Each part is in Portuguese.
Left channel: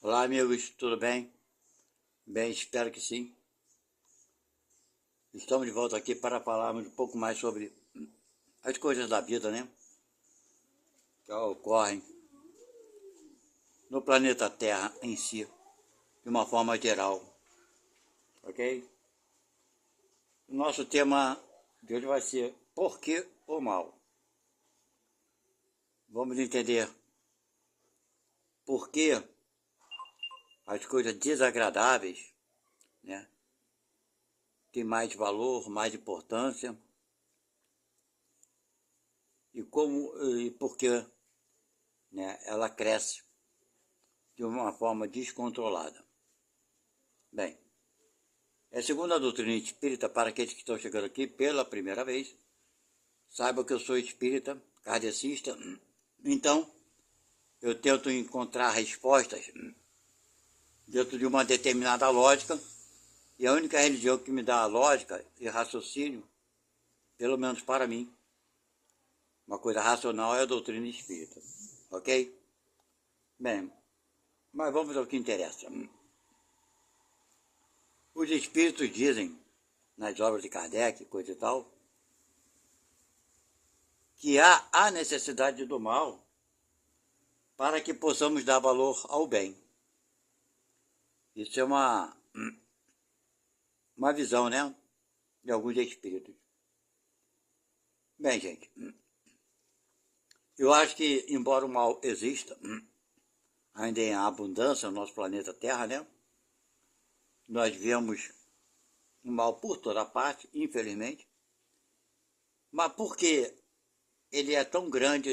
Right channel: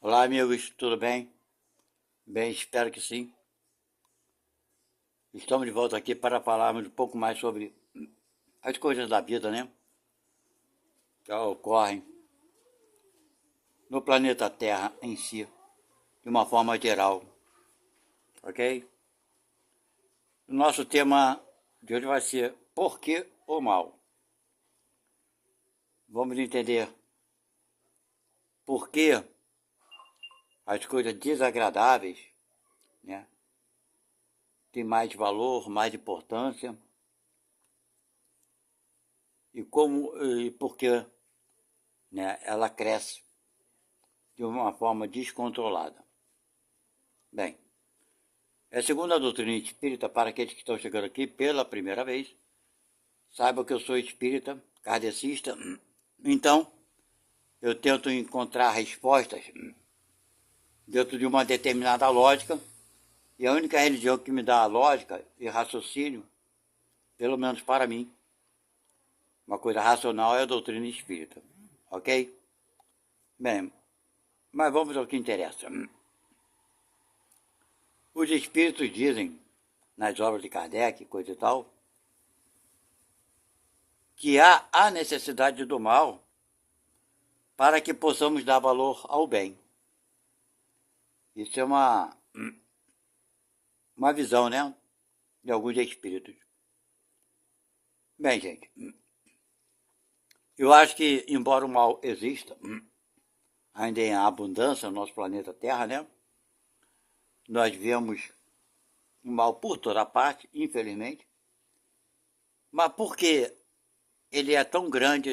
Olá, amigos, tudo bem? Bem, espero que sim. Estamos de volta aqui para falarmos um pouco mais sobre as coisas da vida, né? Que ocorrem no planeta Terra em si, de uma forma geral, ok? O nosso tema de hoje vai ser por que o mal? Vamos entender por que as coisas desagradáveis, né, têm mais valor, mais importância e por que, né, ela cresce de uma forma descontrolada. Bem, segundo a doutrina espírita, para aqueles que estão chegando aqui pela primeira vez, saiba que eu sou espírita, kardecista, então eu tento encontrar respostas dentro de uma determinada lógica, e a única religião que me dá a lógica e raciocínio, pelo menos para mim, uma coisa racional, é a doutrina espírita, ok? Bem, mas vamos ao que interessa. Os espíritos dizem, nas obras de Kardec, coisa e tal, que há a necessidade do mal para que possamos dar valor ao bem. Isso é uma visão, né, de alguns espíritos. Bem, gente, eu acho que, embora o mal exista, ainda em abundância no nosso planeta Terra, né, nós vemos o mal por toda parte, infelizmente, mas por que ele é tão grande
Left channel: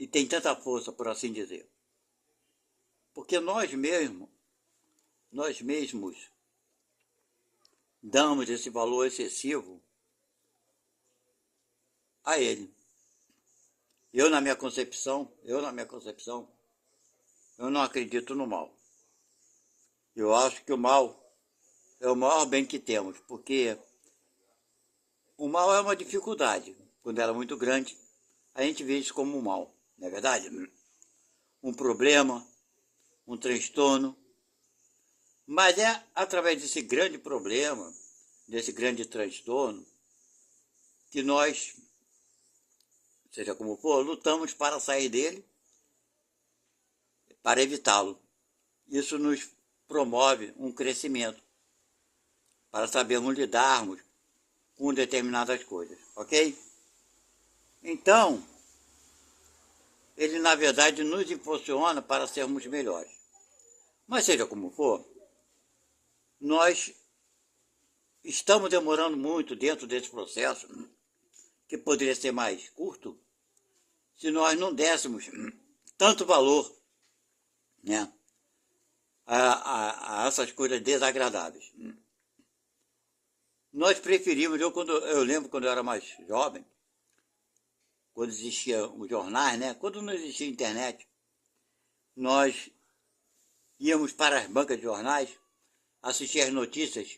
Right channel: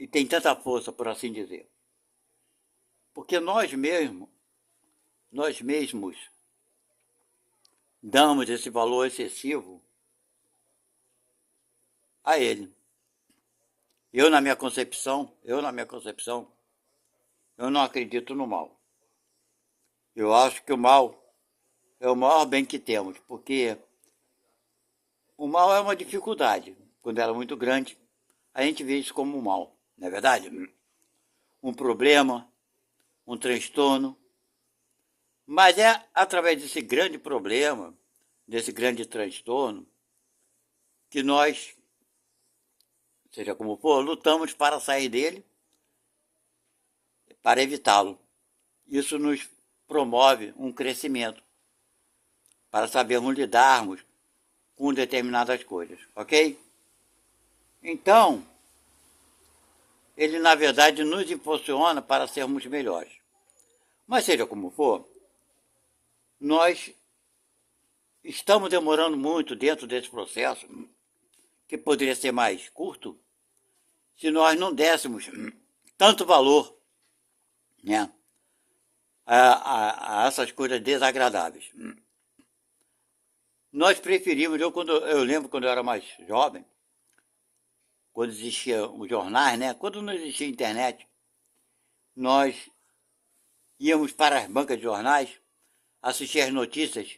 e tem tanta força, por assim dizer? Porque nós mesmos damos esse valor excessivo a ele. Eu, na minha concepção, eu não acredito no mal. Eu acho que o mal é o maior bem que temos, porque o mal é uma dificuldade. Quando ela é muito grande, a gente vê isso como um mal, não é verdade? Um problema, um transtorno. Mas é através desse grande problema, desse grande transtorno, que nós, seja como for, lutamos para sair dele, para evitá-lo. Isso nos promove um crescimento, para sabermos lidarmos com determinadas coisas, ok? Então, ele na verdade nos impulsiona para sermos melhores. Mas seja como for, nós estamos demorando muito dentro desse processo, que poderia ser mais curto, se nós não dessemos tanto valor, né, a essas coisas desagradáveis. Nós preferimos, eu lembro quando eu era mais jovem, quando existiam os jornais, né, quando não existia internet, nós íamos para as bancas de jornais, assistir as notícias,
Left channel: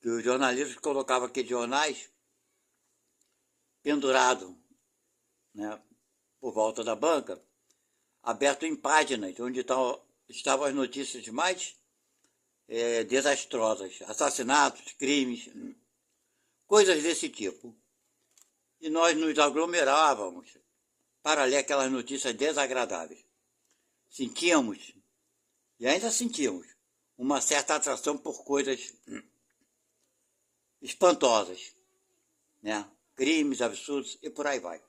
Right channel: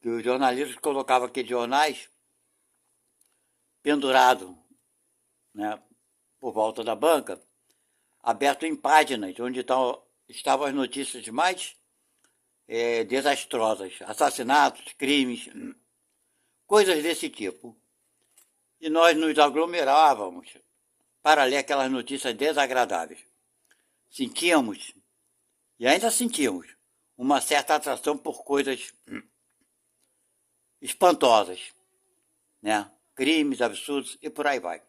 que os jornalistas colocavam aqueles jornais pendurados, né, por volta da banca, aberto em páginas, onde estavam as notícias mais desastrosas, assassinatos, crimes, coisas desse tipo. E nós nos aglomerávamos para ler aquelas notícias desagradáveis. Sentíamos, e ainda sentimos, uma certa atração por coisas espantosas, né? Crimes, absurdos e por aí vai.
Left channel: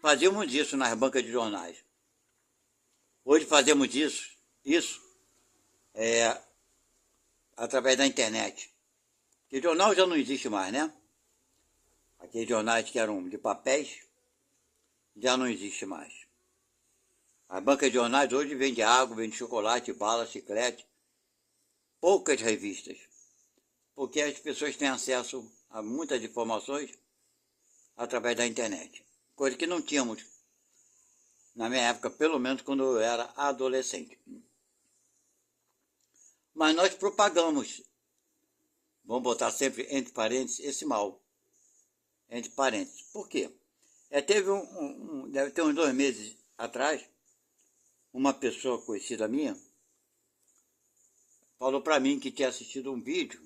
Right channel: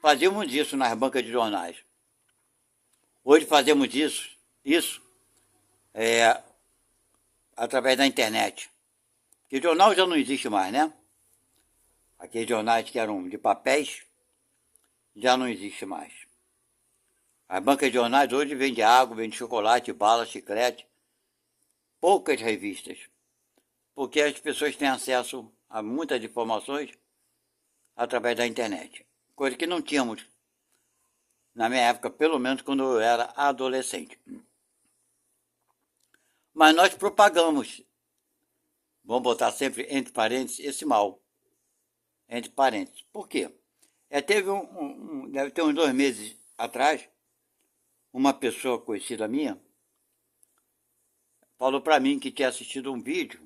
Fazíamos isso nas bancas de jornais. Hoje fazemos isso através da internet. Porque jornal já não existe mais, né? Aqueles jornais que eram de papéis já não existe mais. As bancas de jornais hoje vendem água, vendem chocolate, bala, chiclete, poucas revistas, porque as pessoas têm acesso a muitas informações através da internet, coisa que não tínhamos na minha época, pelo menos quando eu era adolescente. Mas nós propagamos, vamos botar sempre entre parênteses, esse mal, entre parênteses. Por quê? Teve deve ter uns 2 meses atrás, uma pessoa conhecida minha falou para mim que tinha assistido um vídeo,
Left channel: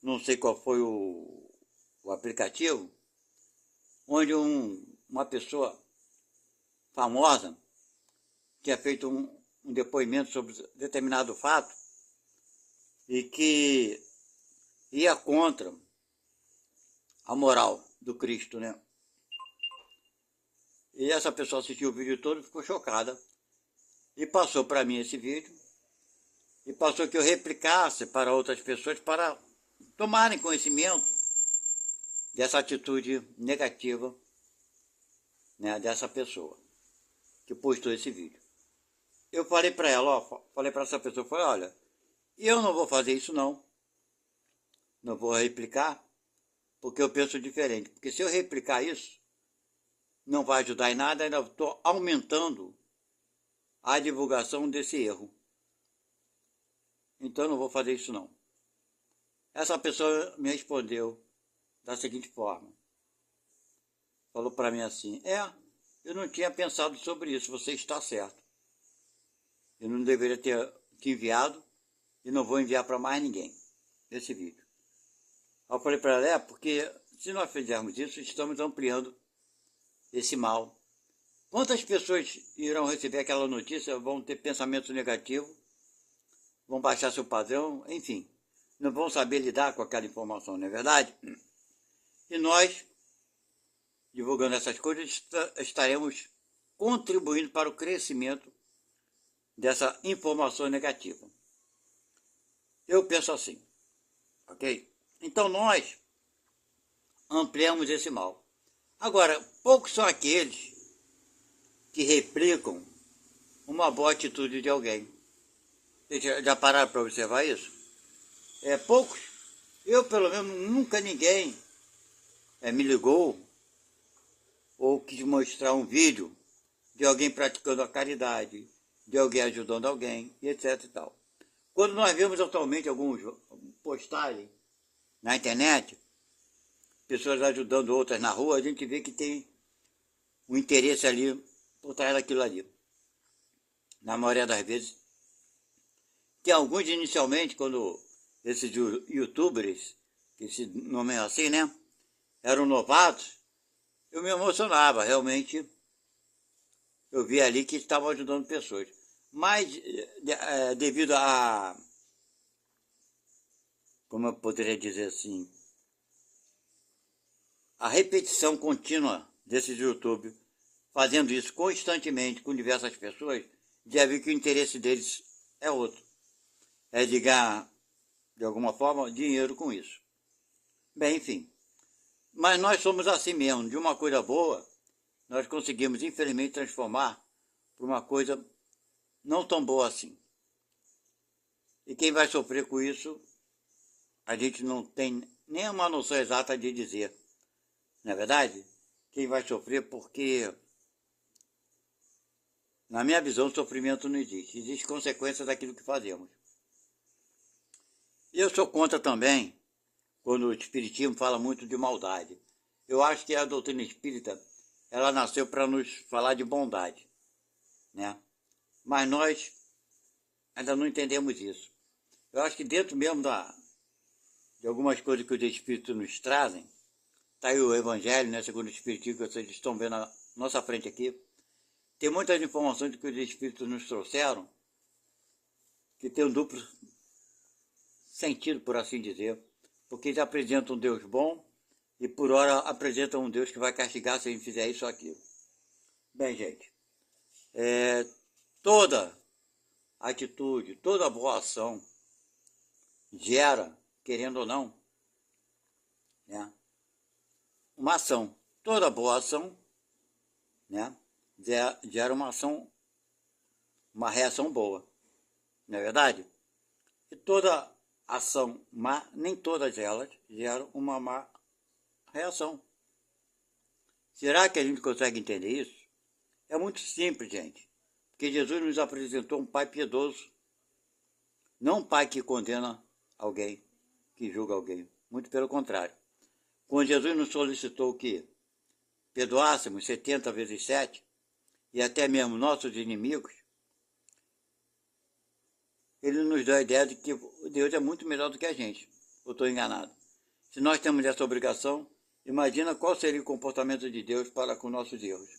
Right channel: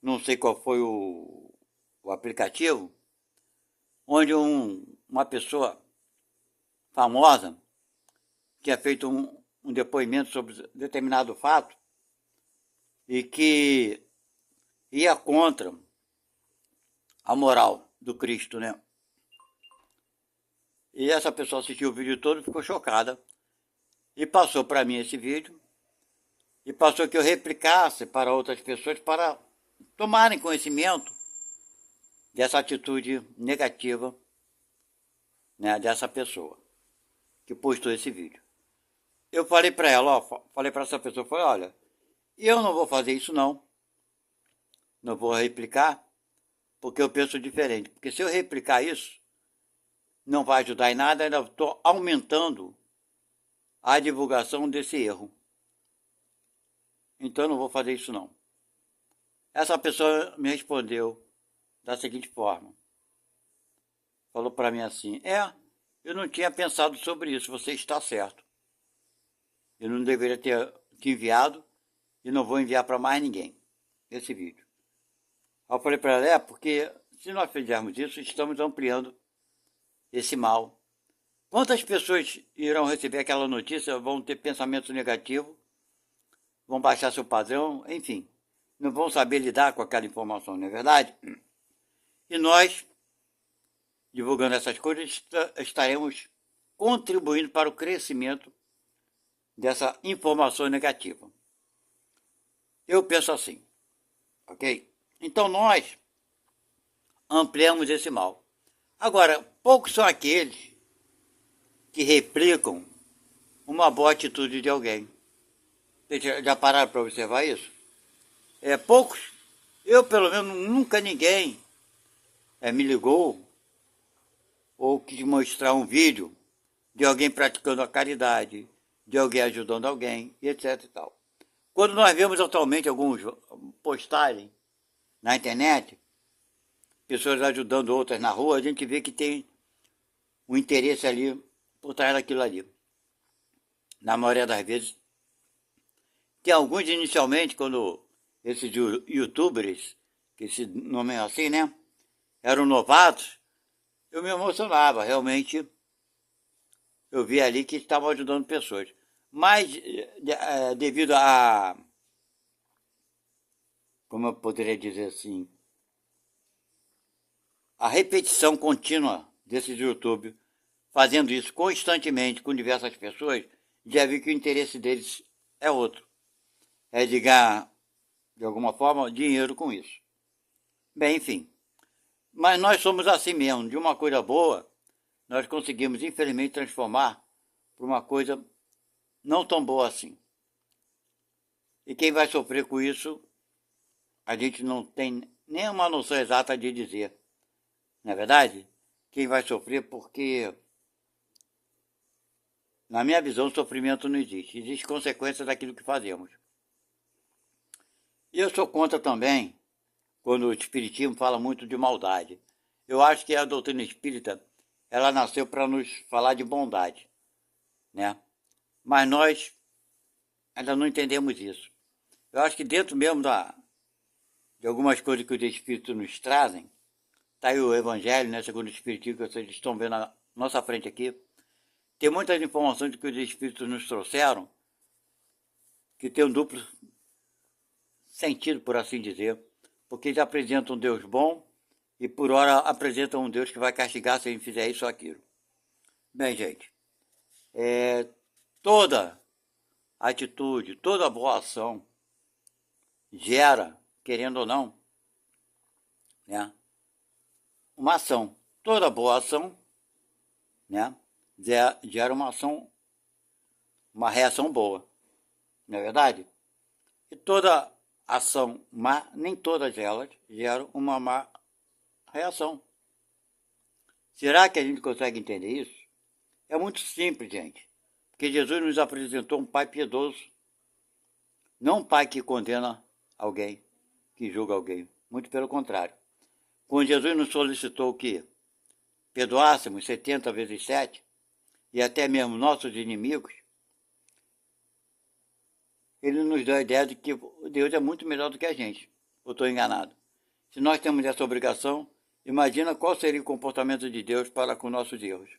não sei qual foi o aplicativo, onde uma pessoa famosa tinha feito um depoimento sobre determinado fato e que ia contra a moral do Cristo, né? E essa pessoa assistiu o vídeo todo e ficou chocada. E passou para mim esse vídeo. E passou que eu replicasse para outras pessoas para tomarem conhecimento dessa atitude negativa, né, dessa pessoa que postou esse vídeo. Eu falei para ela, falei para essa pessoa, falei, olha, eu não vou fazer isso não vou replicar, porque eu penso diferente. Porque se eu replicar isso, não vai ajudar em nada, ainda estou aumentando a divulgação desse erro. Então eu não vou fazer isso não. Essa pessoa me respondeu da seguinte forma. Falou para mim assim, eu não tinha pensado sobre isso, você está certo. Eu não deveria ter te enviado e não vou enviar para mais ninguém esse vídeo. Aí eu falei para ela, porque se nós fizermos isso, estamos ampliando esse mal. Quantas pessoas irão receber aquela notícia, vão ter pensamento negativo, vão baixar seu padrão, enfim, não vão saber lidar com aquela informação, não é verdade? E nós, divulgando essas coisas, estaremos contribuindo para o crescimento dessa informação negativa. Eu penso assim, ok? Então nós ampliamos esse mal. Agora, poucos são aqueles que replicam uma boa atitude de alguém. Vocês já pararam para observar isso? Poucos. Eu, pelo menos, nunca ninguém me ligou ou quis mostrar um vídeo de alguém praticando a caridade, de alguém ajudando alguém, etc e tal. Quando nós vemos atualmente alguns postagens na internet, pessoas ajudando outras na rua, a gente vê que tem um interesse ali por trás daquilo ali. Na maioria das vezes. Tem alguns inicialmente, quando esses youtubers, que se nomeiam assim, né, eram novatos, eu me emocionava, realmente. Eu vi ali que estavam ajudando pessoas. Mas, devido a, como eu poderia dizer assim, a repetição contínua desses YouTube, fazendo isso constantemente com diversas pessoas, já vi que o interesse deles é outro. É de ganhar, de alguma forma, dinheiro com isso. Bem, enfim. Mas nós somos assim mesmo. De uma coisa boa, nós conseguimos, infelizmente, transformar para uma coisa não tão boa assim. E quem vai sofrer com isso, a gente não tem nem uma noção exata de dizer. Não é verdade? Quem vai sofrer porque, na minha visão, o sofrimento não existe. Existe consequência daquilo que fazemos. E eu sou contra também, quando o Espiritismo fala muito de maldade. Eu acho que a doutrina espírita, ela nasceu para nos falar de bondade, né? Mas nós ainda não entendemos isso. Eu acho que dentro mesmo de algumas coisas que os Espíritos nos trazem, está aí o Evangelho, né, segundo o Espiritismo, que vocês estão vendo na nossa frente aqui, tem muitas informações que os Espíritos nos trouxeram, que tem um duplo sentido, por assim dizer, porque eles apresentam um Deus bom e por hora apresentam um Deus que vai castigar se a gente fizer isso ou aquilo. Bem, gente, toda atitude, toda boa ação gera, querendo ou não, né, uma ação. Toda boa ação, né, gera uma ação, uma reação boa, não é verdade? E toda ação má, nem todas elas geram uma má reação. Será que a gente consegue entender isso? É muito simples, gente. Porque Jesus nos apresentou um pai piedoso. Não um pai que condena alguém, que julga alguém. Muito pelo contrário. Quando Jesus nos solicitou o quê? perdoássemos 70 vezes 7, e até mesmo nossos inimigos, ele nos dá a ideia de que Deus é muito melhor do que a gente. Eu estou enganado. Se nós temos essa obrigação, imagina qual seria o comportamento de Deus para com nossos erros.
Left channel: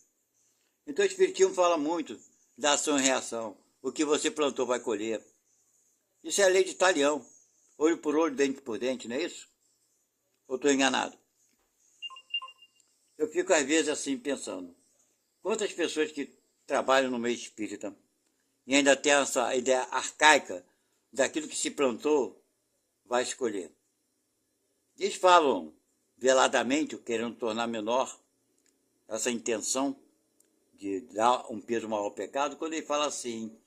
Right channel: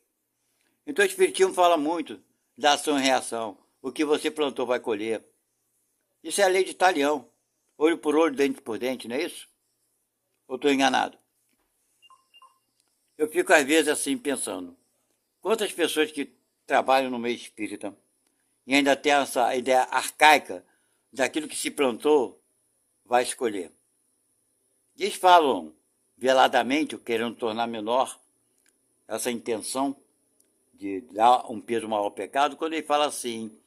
Então o Espiritismo fala muito da ação e reação. O que você plantou vai colher. Isso é a lei de Talião. Olho por olho, dente por dente, não é isso? Ou estou enganado? Eu fico às vezes assim pensando. Quantas pessoas que trabalham no meio espírita e ainda tem essa ideia arcaica daquilo que se plantou vai escolher. Eles falam veladamente, querendo tornar menor essa intenção de dar um peso maior ao pecado, quando ele fala assim,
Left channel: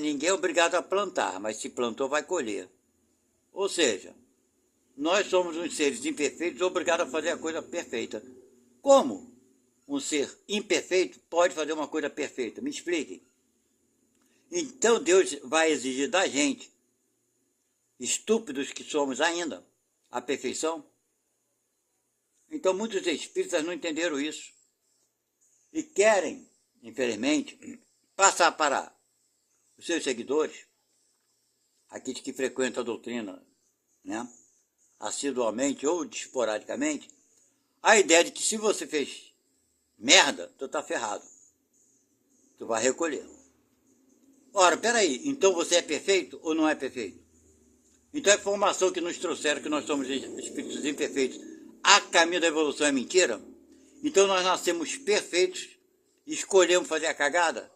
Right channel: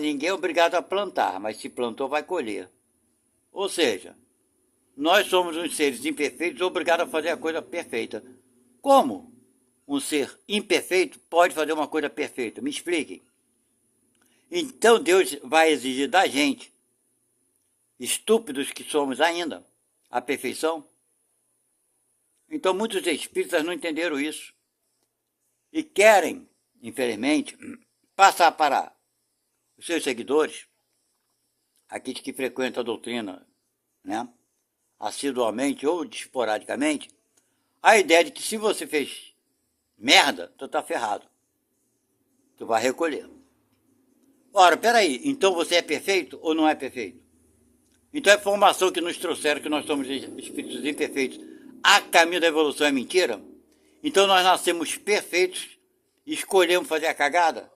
ninguém é obrigado a plantar, mas se plantou vai colher. Ou seja, nós somos uns seres imperfeitos obrigados a fazer a coisa perfeita. Como um ser imperfeito pode fazer uma coisa perfeita? Me expliquem. Então Deus vai exigir da gente, estúpidos que somos ainda, a perfeição? Então muitos espíritas não entenderam isso. E querem, infelizmente, passar para os seus seguidores, aqueles que frequentam a doutrina, né, assiduamente ou esporadicamente, a ideia de que se você fez merda, tu tá ferrado. Tu vai recolher. Ora, peraí, então você é perfeito ou não é perfeito? Então a informação que nos trouxeram que nós somos espíritos imperfeitos a caminho da evolução é mentira? Então nós nascemos perfeitos e escolhemos fazer a cagada?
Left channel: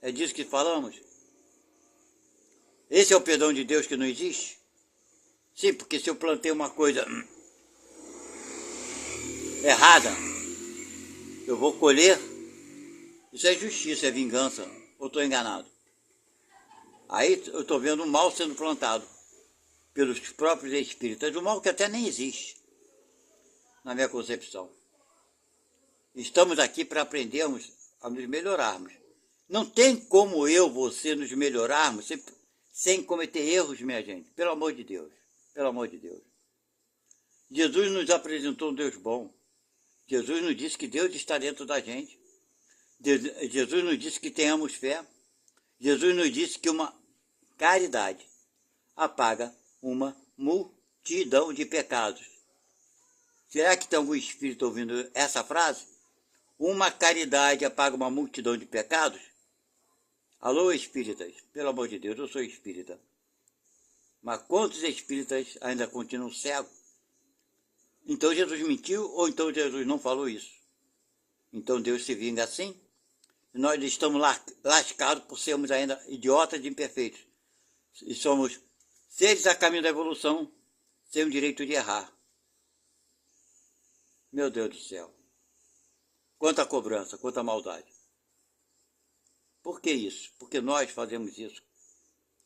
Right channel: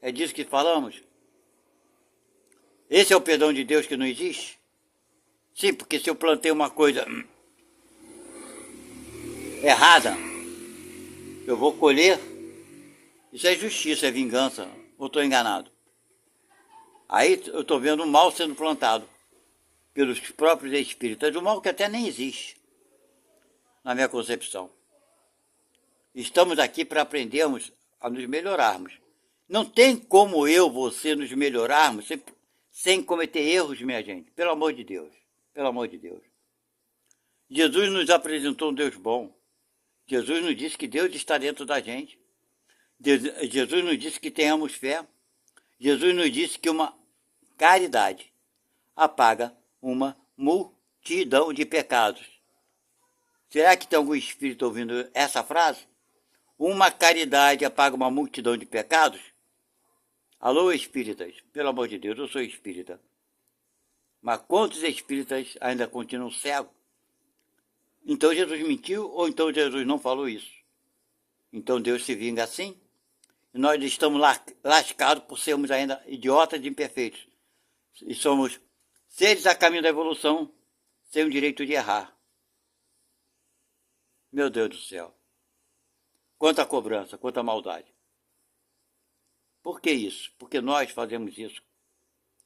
É disso que falamos? Esse é o perdão de Deus que não existe? Sim, porque se eu plantei uma coisa errada, eu vou colher. Isso é justiça, é vingança. Ou estou enganado? Aí eu estou vendo o mal sendo plantado pelos próprios espíritas, o mal que até nem existe, na minha concepção. Estamos aqui para aprendermos a nos melhorarmos. Não tem como eu, você, nos melhorarmos sem cometer erros, minha gente. Pelo amor de Deus. Pelo amor de Deus. Jesus nos apresentou um Deus bom. Jesus nos disse que Deus está dentro da gente. Jesus nos disse que tenhamos fé. Jesus nos disse que uma caridade apaga uma multidão de pecados. Será que tem algum espírito ouvindo essa frase? Uma caridade apaga uma multidão de pecados? Alô, espíritas, pelo amor de Deus, eu sou espírita. Mas quantos espíritas ainda continuam cegos? Então Jesus mentiu ou então Jesus não falou isso? Então Deus se vinga assim? E nós estamos lascados por sermos ainda idiotas e imperfeitos. E somos seres a caminho da evolução, sem o direito de errar. Meu Deus do céu. Quanta cobrança, quanta maldade. Por que isso? Porque nós fazemos isso.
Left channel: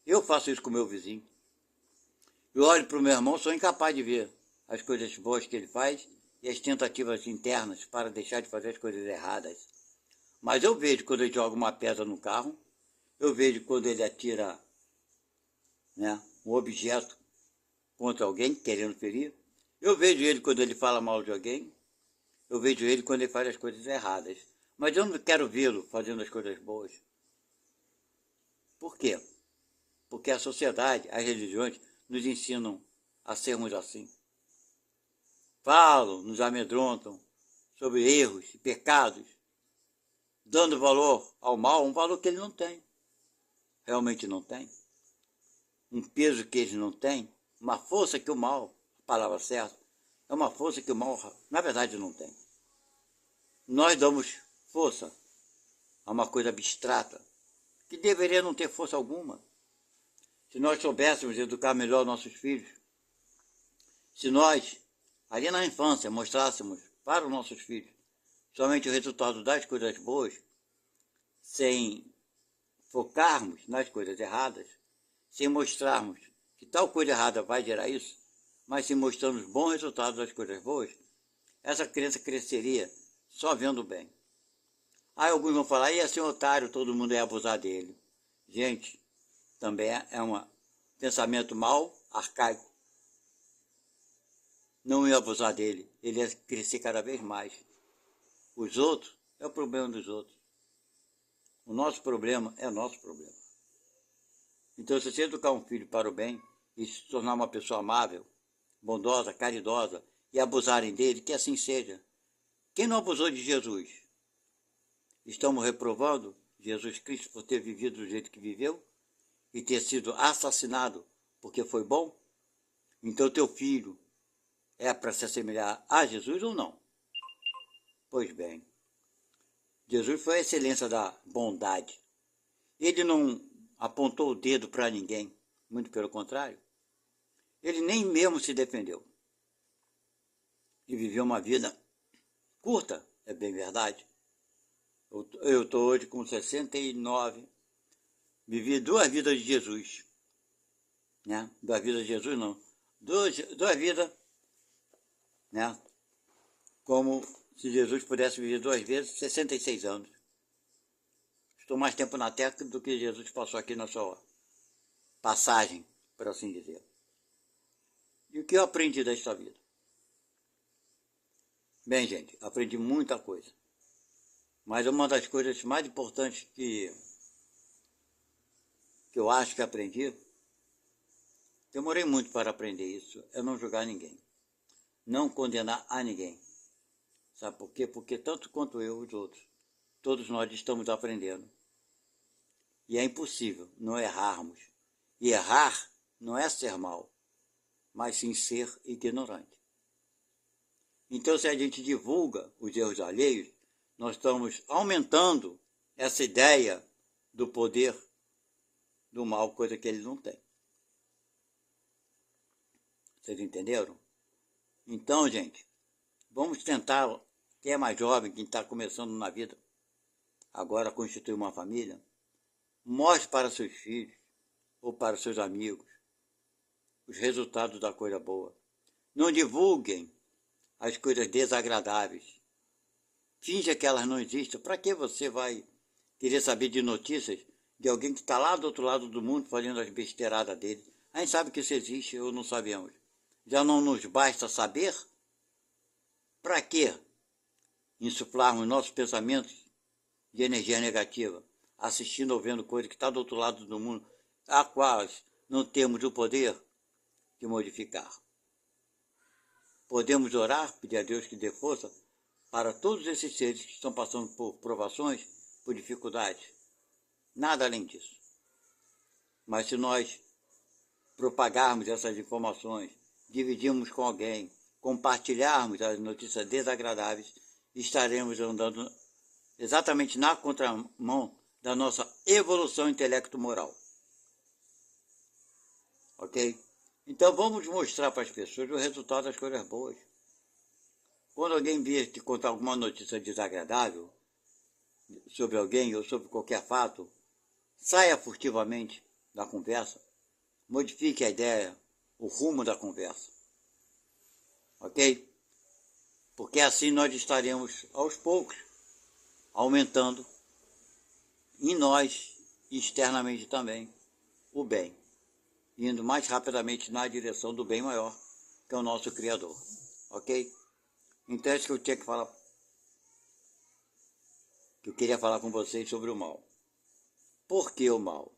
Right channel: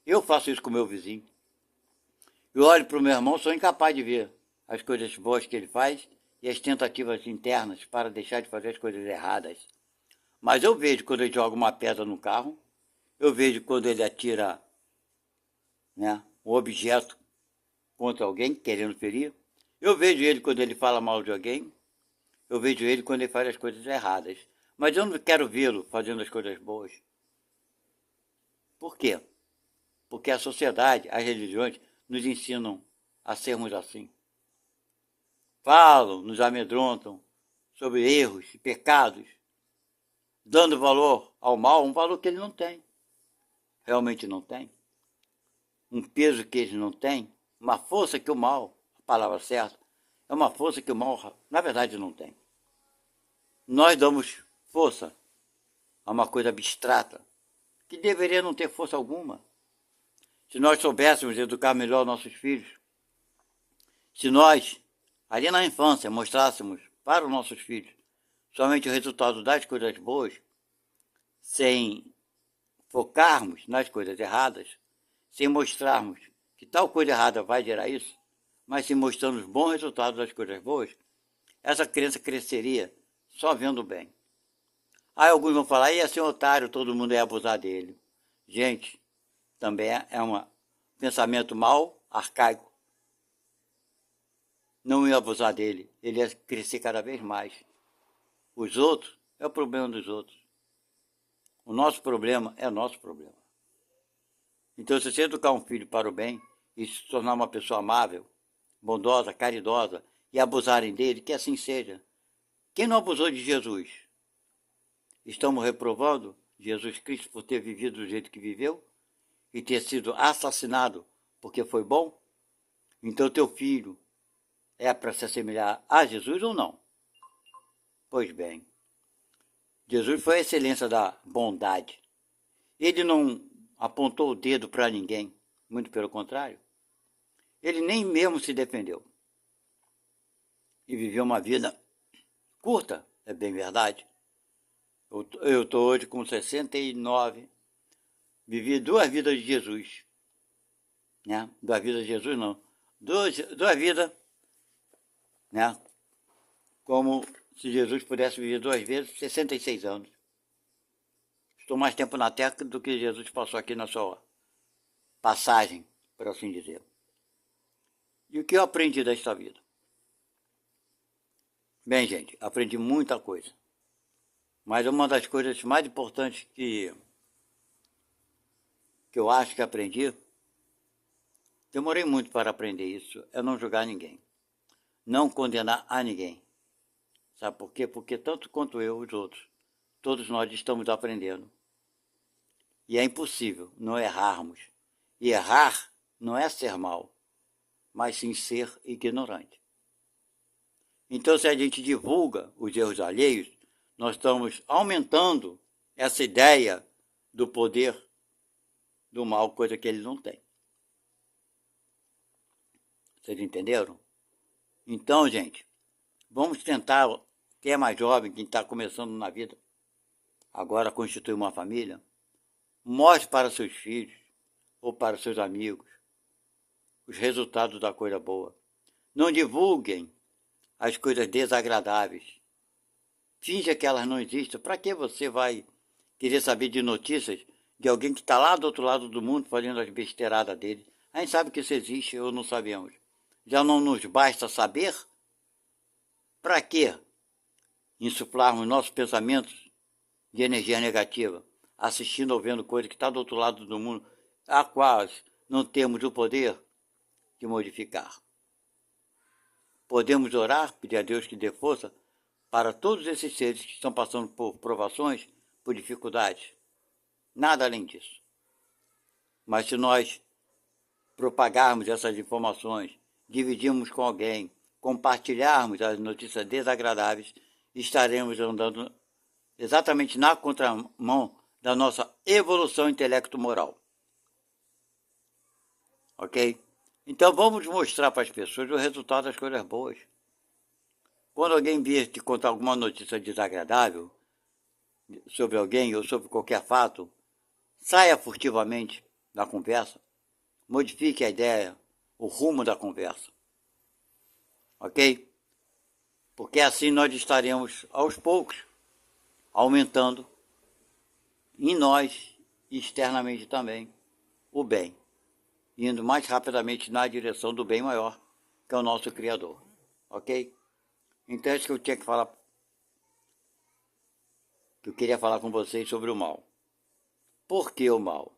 Eu faço isso com o meu vizinho. Eu olho para o meu irmão, sou incapaz de ver as coisas boas que ele faz e as tentativas internas para deixar de fazer as coisas erradas. Mas eu vejo quando ele joga uma pedra no carro, eu vejo quando ele atira, né, um objeto contra alguém, querendo ferir. Eu vejo ele quando ele fala mal de alguém. Eu vejo ele quando ele faz as coisas erradas. Mas eu não quero vê-lo fazendo as coisas boas. Por quê? Porque a sociedade, as religiões, nos ensinam a sermos assim. Falam, nos amedrontam sobre erros e pecados, dando valor ao mal, um valor que ele não tem. Realmente não tem. Um peso que ele não tem, uma força que o mal, a palavra certa, é uma força que o mal, na verdade, não tem. Nós damos força a uma coisa abstrata, que deveria não ter força alguma. Se nós soubéssemos educar melhor nossos filhos, se nós, ali na infância, mostrássemos para os nossos filhos somente o resultado das coisas boas, sem focarmos nas coisas erradas, sem mostrarmos que tal coisa errada vai gerar isso, mas se mostrando os bons resultados das coisas boas, essa criança cresceria só vendo o bem. Aí alguns vão falar, ia ser um otário, todo mundo ia abusar dele. Gente, também é um pensamento mau, arcaico. não ia abusar dele, ele ia crescer cada vez mais. Os outros é o problema dos outros. O nosso problema é nosso problema. Então, se você educar um filho para o bem e se tornar uma pessoa amável, bondosa, caridosa, e abusarem dele, que assim seja. Quem não abusou de Jesus? Estamos reprovando Jesus Cristo por ter vivido do jeito que viveu e ter sido assassinado porque foi bom? Então teu filho é para se assemelhar a Jesus ou não? Pois bem, Jesus foi a excelência da bondade. Ele não apontou o dedo para ninguém, muito pelo contrário. Ele nem mesmo se defendeu. E viveu uma vida curta, é bem verdade. Eu estou hoje com 69, vivi 2 vidas de Jesus. Né? 2 vidas de Jesus não. Duas vidas, né? Como se Jesus pudesse viver 2 vezes, 66 anos. Estou mais tempo na Terra do que Jesus passou aqui na sua passagem, por assim dizer. E o que eu aprendi desta vida? Bem, gente, aprendi muita coisa. Mas uma das coisas mais importantes que eu acho que aprendi, demorei muito para aprender isso, é não julgar ninguém. Não condenar a ninguém. Sabe por quê? Porque tanto quanto eu, os outros, todos nós estamos aprendendo. E é impossível não errarmos. E errar não é ser mal, mas sim ser ignorante. Então, se a gente divulga os erros alheios, nós estamos aumentando essa ideia do poder do mal, coisa que ele não tem. Vocês entenderam? Então, gente, vamos tentar, quem é mais jovem, quem está começando na vida, agora constituir uma família, mostre para seus filhos ou para seus amigos os resultados da coisa boa. Não divulguem as coisas desagradáveis. Finja que elas não existem. Para que você vai querer saber de notícias de alguém que está lá do outro lado do mundo fazendo as besteiradas dele? A gente sabe que isso existe ou não sabemos. Já não nos basta saber? Para que insuflarmos nossos pensamentos de energia negativa, assistindo ou vendo coisas que está do outro lado do mundo, a quais não temos o poder de modificar? Podemos orar, pedir a Deus que dê força para todos esses seres que estão passando por provações, por dificuldades. Nada além disso. Mas se nós propagarmos essas informações, dividirmos com alguém, compartilharmos as notícias desagradáveis, estaremos andando exatamente na contramão da nossa evolução intelecto-moral. Ok? Então vamos mostrar para as pessoas o resultado das coisas boas. Quando alguém vier te contar alguma notícia desagradável sobre alguém ou sobre qualquer fato, saia furtivamente da conversa, modifique a ideia, o rumo da conversa. Ok? Porque assim nós estaremos, aos poucos, aumentando em nós e externamente também o bem, indo mais rapidamente na direção do bem maior, que é o nosso Criador. Ok? Então é isso que eu tinha que falar, que eu queria falar com vocês sobre o mal. Por que o mal?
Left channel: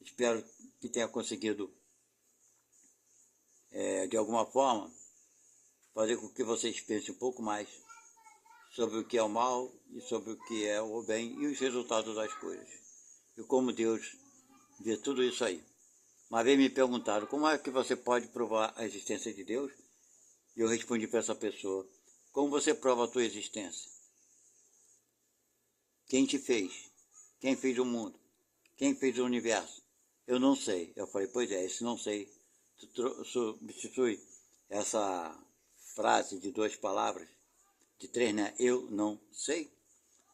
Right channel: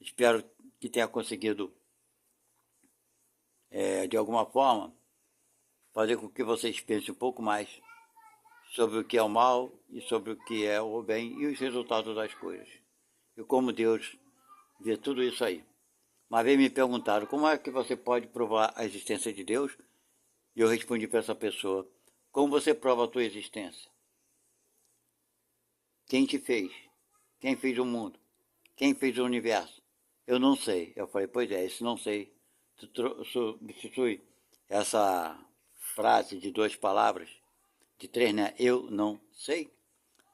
Espero que tenha conseguido, de alguma forma, fazer com que vocês pensem um pouco mais sobre o que é o mal e sobre o que é o bem e os resultados das coisas. E como Deus vê tudo isso aí. Uma vez me perguntaram, como é que você pode provar a existência de Deus? E eu respondi para essa pessoa, como você prova a tua existência? Quem te fez? Quem fez o mundo? Quem fez o universo? Eu não sei. Eu falei, pois é, esse não sei substitui essa frase de 2 palavras, de 3, né? Eu não sei.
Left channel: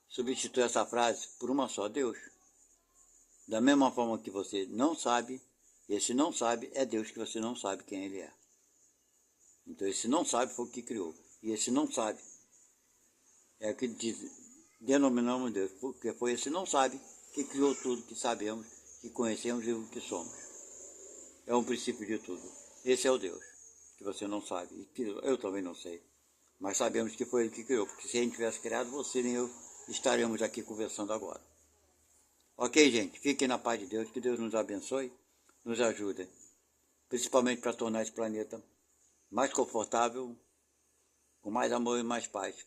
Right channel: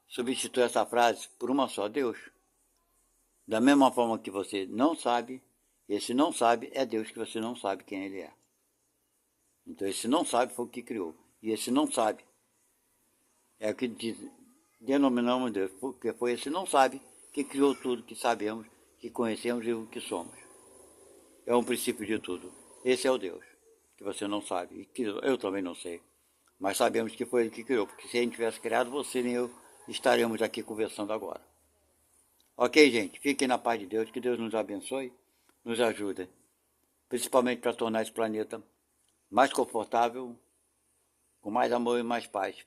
Substitui essa frase por uma só, Deus. Da mesma forma que você não sabe, esse não sabe é Deus, que você não sabe quem ele é. Então esse não sabe foi o que criou. E esse não sabe é o que denominamos Deus, porque foi esse não sabe que criou tudo que sabemos, que conhecemos e o que somos. É um princípio de tudo. Esse é o Deus que que você não sabe, e que eu também não sei. Mas sabemos que foi ele que criou, porque se ele tivesse criado, você nem eu estaremos aqui conversando agora. Ok, gente? Fiquem na paz de Deus, que Deus nos abençoe, nos ajude, principalmente para tornar esse planeta mais confortável, com mais amor e mais paz,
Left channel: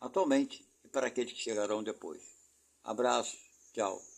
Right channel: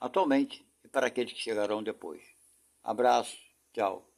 atualmente e para aqueles que chegarão depois. Abraço, tchau.